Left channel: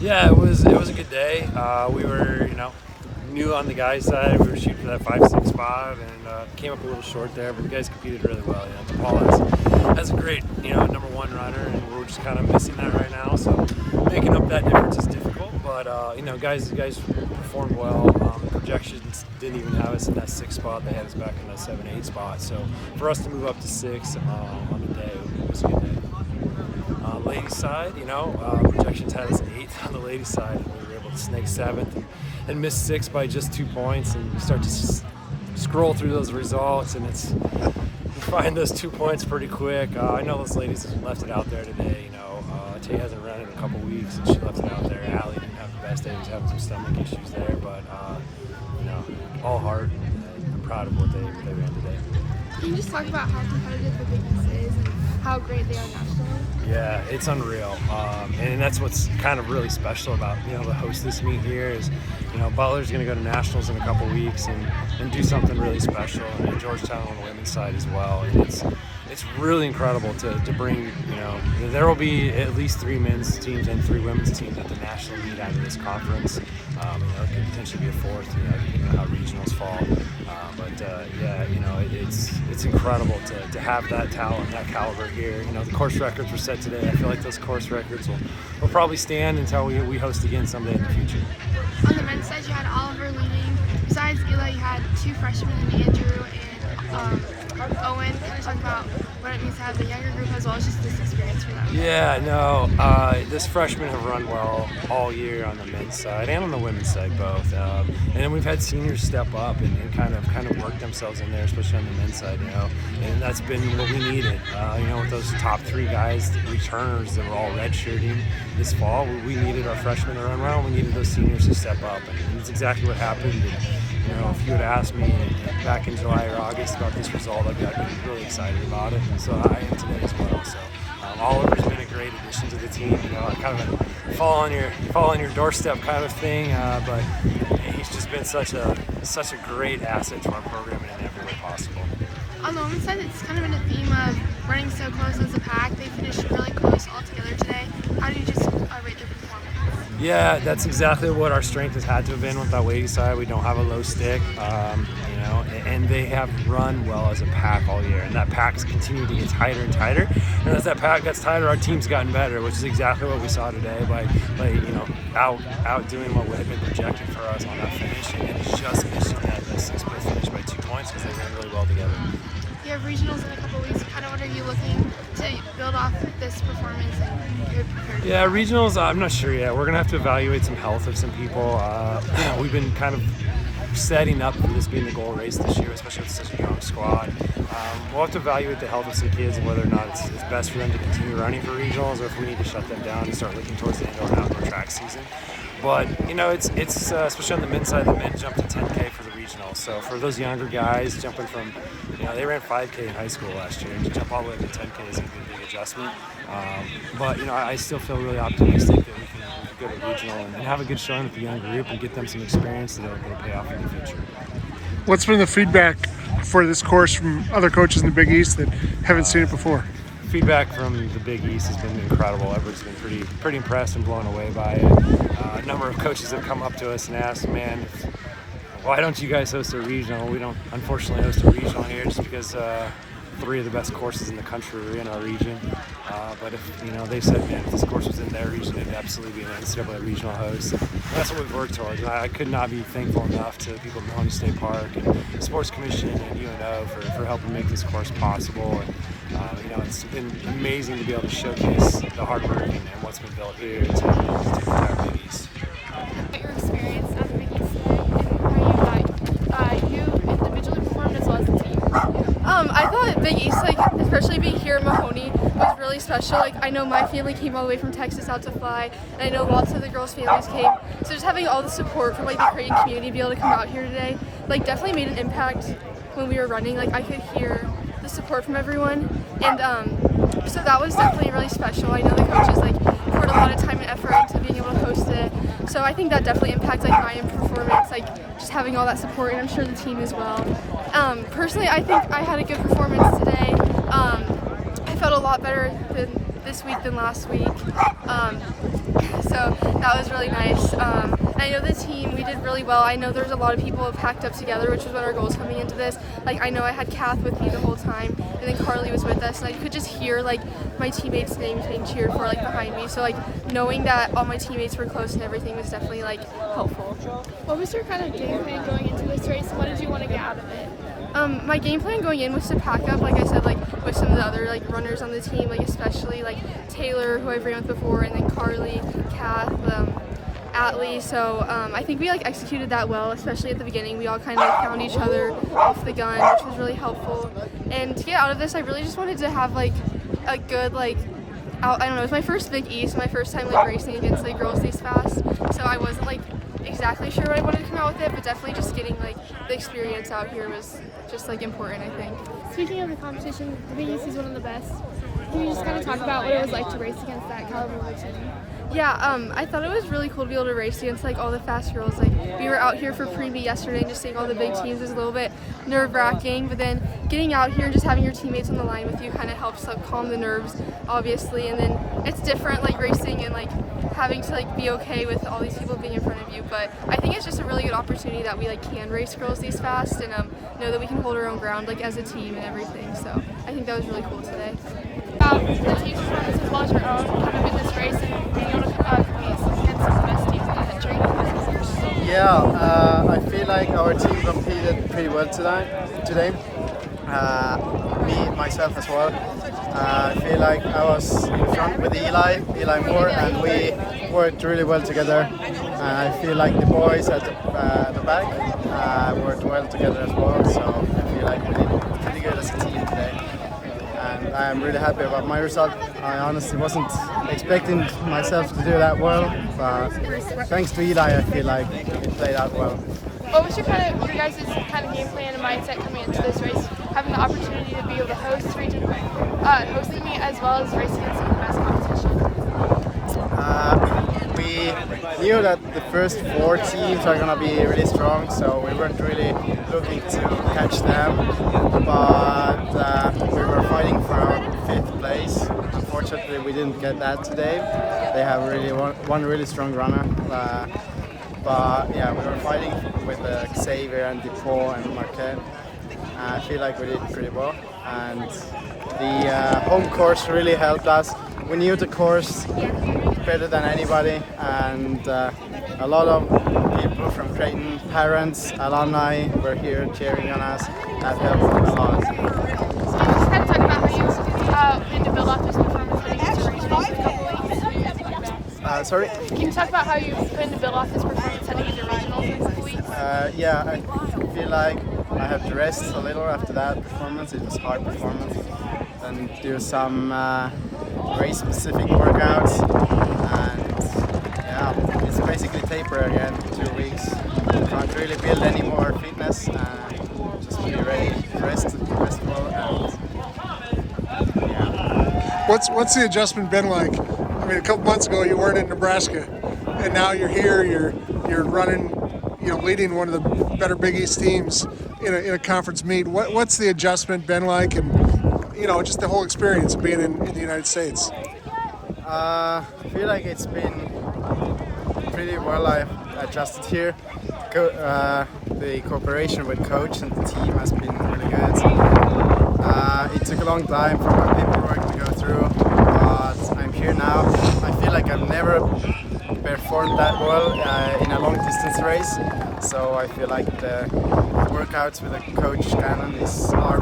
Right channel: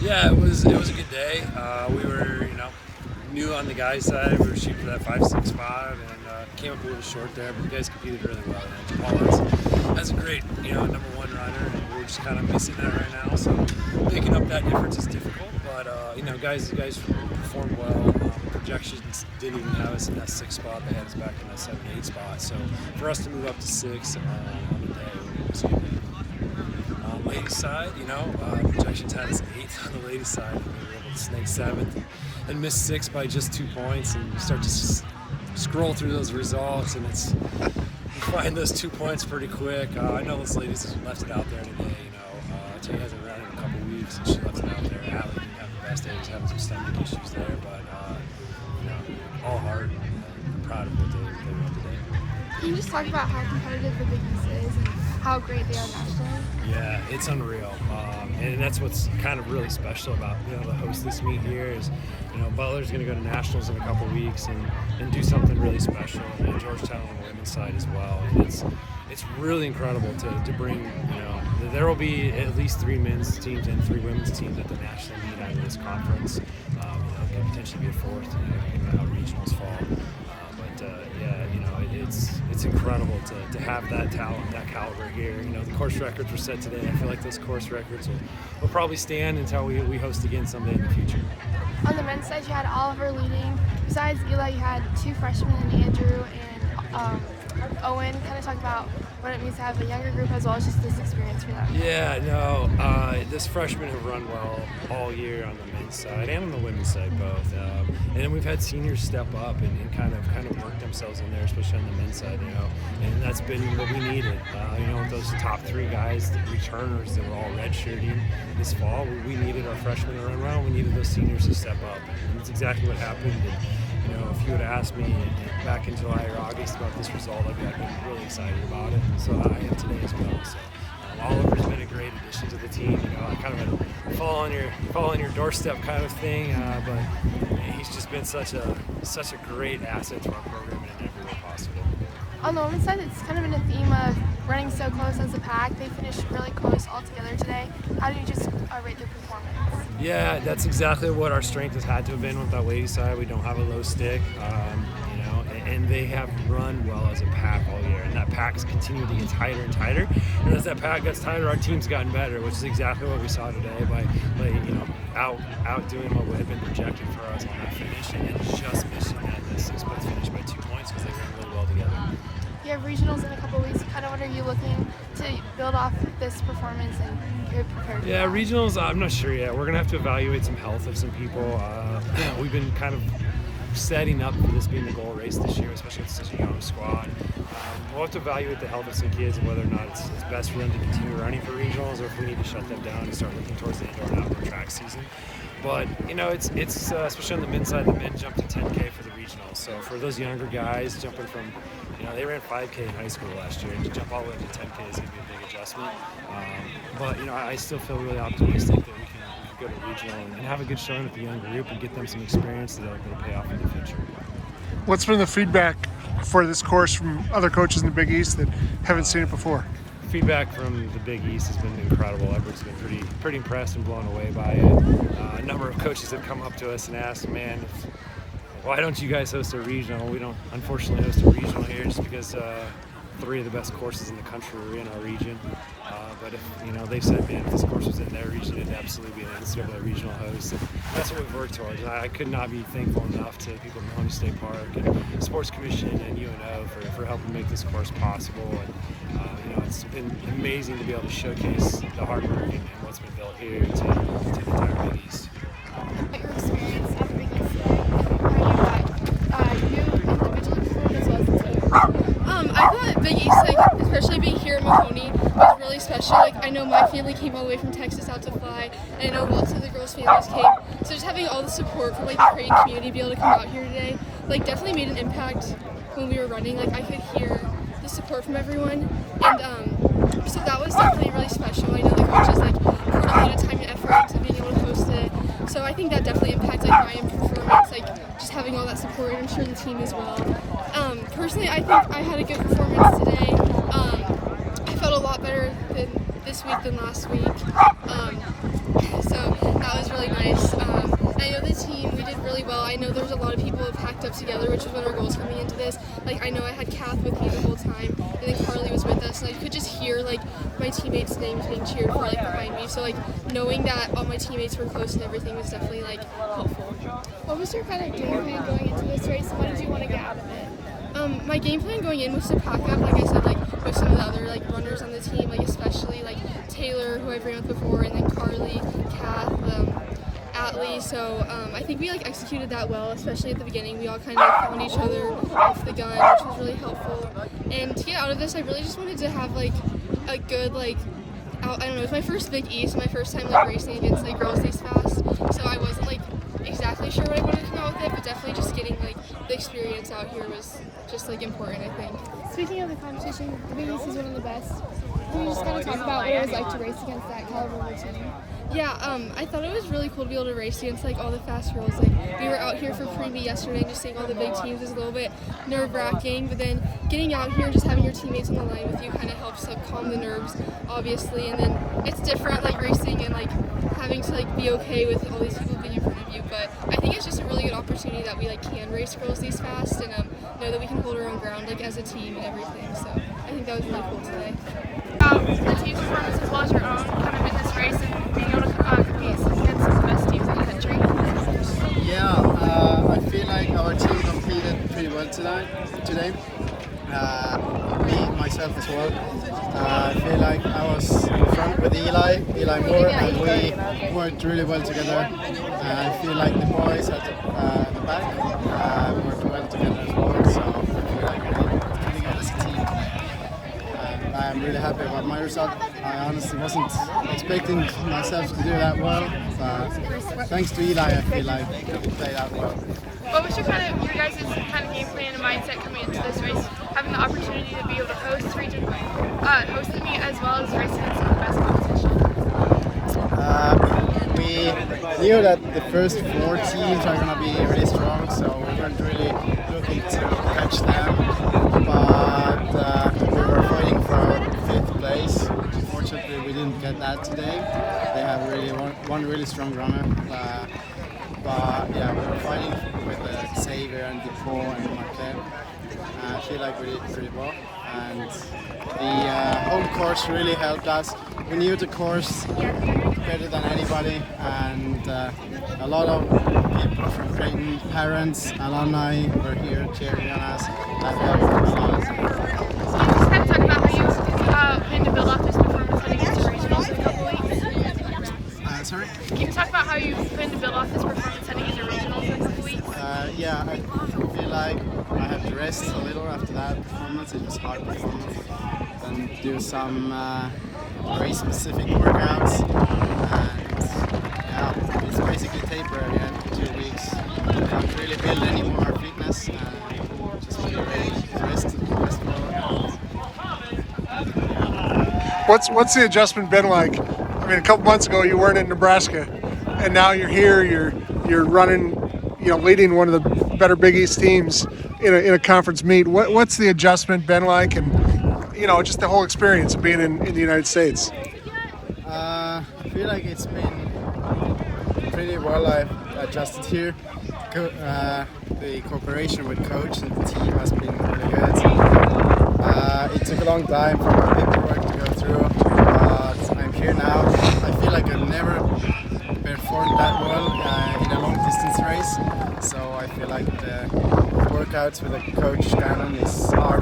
Yeah, it was a good day. We were, new on the guys' side. We were shooting for that 5-6 spot and came up a little short there, but the guys competed really well. Paul has a great, number one runner, and we're just kind of missing that right now. So making up that difference is difficult, but guys performed well. Projections didn't even have us in that 6 spot. They had us back in that 7-8 spot. So for us to move up to 6 on the day, it was a good day. Ladies side, projections had us 8th on the ladies side, and we were able to snake 7th and miss 6 by just 2 points. And you start to scroll through those results, and you find those 2 points pretty quick. I know those ladies left it out there today. Tay hasn't run in a couple weeks, and she left it out there. Allie didn't have the best day; she was having some stomach issues there, but all heart, and I'm proud of what they ran today. Can you just talk about how competitive the Big East is and how great they are nationally? Yeah, it's unreal, and that's what's kind of really special about the host this meet here is, Butler's going to go to nationals in a couple weeks and do something really special, and Georgetown on the women's side as well. And it's really incredible to bring, there will be at least 3 men's teams and 3 women's teams at the national meet out of this conference. It could potentially be a 4th, depending on how regionals fall. It's incredible to have that talent, that caliber here. The course records were set today. I feel like those course records will probably stand until we host again someday in the future. On the men's side, you had Oliver leading. Besides Eli, you had 2 freshmen in Andrew and Owen. Kind of talk about what it means to have the younger group as well as just this experience for them. Yeah, no, this freshmen have run well all year on the men's side and on the women's side both. And then we've had seniors step up and kind of work themselves in there, especially on the men's side, and that's been what we needed. With those top 3 guys, the returners that were all redshirting this fall, we needed our freshmen to run well, and we needed those seniors to step up, and it's exactly what happened. And, if you had asked me back in July or August about this result, I'd been really excited about it, and so I am today as well. So Oliver's been a great addition to the team. Kind of a fall on your doorstep kind of thing, but he's just been such a great asset to our program in every way possible. On the women's side, it's kind of been a theme of running so close as a pack. They finished really close all together today. How do you just rate their performance? Yeah, that's exactly what our strength has had to have been with that ladies side. We don't have a low stick, and they have run well as a pack all year, and that pack's continued to get tighter and tighter. And as that pack gets tighter, our team's gotten better, which is exactly what we saw today by outdoing what had been projected for us on that finish, and just missing that 6th finish by 2 points because they ran really well together. You have regionals in a couple weeks. Kind of what are you looking to build off this performance and get prepared? Yeah, regionals, I'm not sure yet. We're going to have to evaluate some health of some people. We've been kind of setting up for this being the goal race this year, especially with such a young squad. We'll have to evaluate the health of some kids and whether or not it's best for them to continue running for regionals, or if we need to shut them down and start looking towards the indoor and outdoor track season. But it's especially on the men's side, the men jumped to 10K for the regionals. So for those younger guys jumping from, they ran 5K in high school last year, and to jump all the way up to 10K is going to be a big adjustment. But I still feel really optimistic that we can go to regional and have a good showing with the young group and get them some experience that'll pay off in the future. What's been the feedback for this course from other coaches in the Big East that haven't seen it before? Feedback from the Big East has been incredible. Everybody's been pretty impressed and blown away by it. A number of coaches have come up to us and asked, man, why don't you guys host a regional? We don't unfortunately host a regional here just because 3 of the best courses in the country are in our region. But if they said, man, if this course was in their region, it'd absolutely be an NCAA regional host. And that's what we've worked towards. And I could not be thankful enough to the people at Mahoney State Park and Sports Commission and UNO for helping make this course possible. And it's been amazing to be able to showcase the hard work and what's been built here to the entire Big East. Your experience at the Big East today and how you individually performed as well as the team. I thought Big East, especially being here in Mahoney, was really special. I know my family came all the way from Texas out to fly, and I know lots of the girls' families came. So just having all the support from the Creighton community to be able to come out here today, definitely made an impact when we were running. I could hear the support from everyone, and so that was definitely really special. I know the coaches poured a lot of time and effort into being able to host it. So I think that definitely impacts my performance, just having all that support, and I'm sure the team as well. Personally, I think I had a good performance today. I felt a lot better than this week than last week. So that was really nice. I know the team, we did really well. I know there's a lot of people packed up together, which was one of our goals coming into this. Like, I know I had Kath with me the whole time, and then Carly was with us, and I could just hear like my teammates' names being cheered for like behind me. So like knowing that all my teammates were close and everything was definitely like helpful. What was your kind of game plan going into this race? What did you want to get out of it? My game plan going in was to pack up, like I said, like with some of the other like runners on the team, like especially like Taylor, who I've ran with before, and then Carly, Kath, Atlee. So I think we like executed that well, especially at the beginning. We all kind of like found each other off the gun, which was really helpful. And to get out of this, I really just wanted to have like a good like I don't know, it was my first Big East, my first time like racing against like girls these fast. So I wasn't like exactly sure what I wanted to come out with it, but definitely just getting like the experience out here was just like important, I think. Speaking of the competition, the Big East is one of the best. Can you just kind of talk about what it was like to race against that caliber of a team? Yeah, I thought it was really cool to be able to race against like all the fast girls. Like we were out here for pre-meet yesterday and just seeing all the big teams was a little bit nerve-wracking, but then getting out here and just having your teammates on the line with you kind of helps like calm the nerves, obviously. And then it's different like racing and like having to like be okay with all these people being in front of you. But I think it's just a really good opportunity that we like can race girls these fast and know that we can hold our own ground like as a team and everything. So I think that was really cool today. The team's performance as well as your own kind of in this race and being able to compete against some of the best teams in the country. Yeah, I feel like our team competed pretty well today. Me, myself as well. I feel like I was in front with Eli Moore, and we worked really well together. I feel like the boys at the back worked well together as well, so I feel like we did pretty good as a team today. And I'm really happy about my result. I honestly wasn't expecting myself to do that well, but thanks to Eli, I feel like it played out well. What was your guys' kind of game plan and mindset coming into this race, having the opportunity to be able to host the meet as well as race against some of the best competition? We knew that the first 4 teams are going to be really strong, so we weren't really looking to catch them, but we were fighting for our 5th place. Unfortunately, we didn't get that today. They have really one really strong runner, but yeah, we were fighting with Xavier and Dupont and Marquette. I feel like we did pretty well, and the home course really helped us. We knew the course better than anybody, and a lot of people from Creighton, parents, alumni were here cheering on us. That helped a lot. Can you just kind of talk about how you plan to build off this performance heading into race in a couple weeks? Sorry? Can you talk about how you plan to build off this performance heading into regionals in a couple weeks? Yeah, I feel like I have to rest a little after that performance. It was a hard performance. And do some race-specific workouts. And yeah, it's basically taper again in 2 weeks. Can't really build any more fitness. Just be ready to rest well. And, yeah. What's the adjustment been like? I mean, a couple months ago you weren't in Nebraska, and now you're here. You're running, leading one of the better Big East teams in a conference meet. What's the adjustment been like, and just the whole experience of being in the United States? I feel like it's been pretty well. I've adjusted here. The cooperation with coach and the team has been really good. It took a long time for my paperwork to go through, but I'm here now. I feel like I've never performed that well in a long distance race, so I feel like the workouts with the coach Gannon are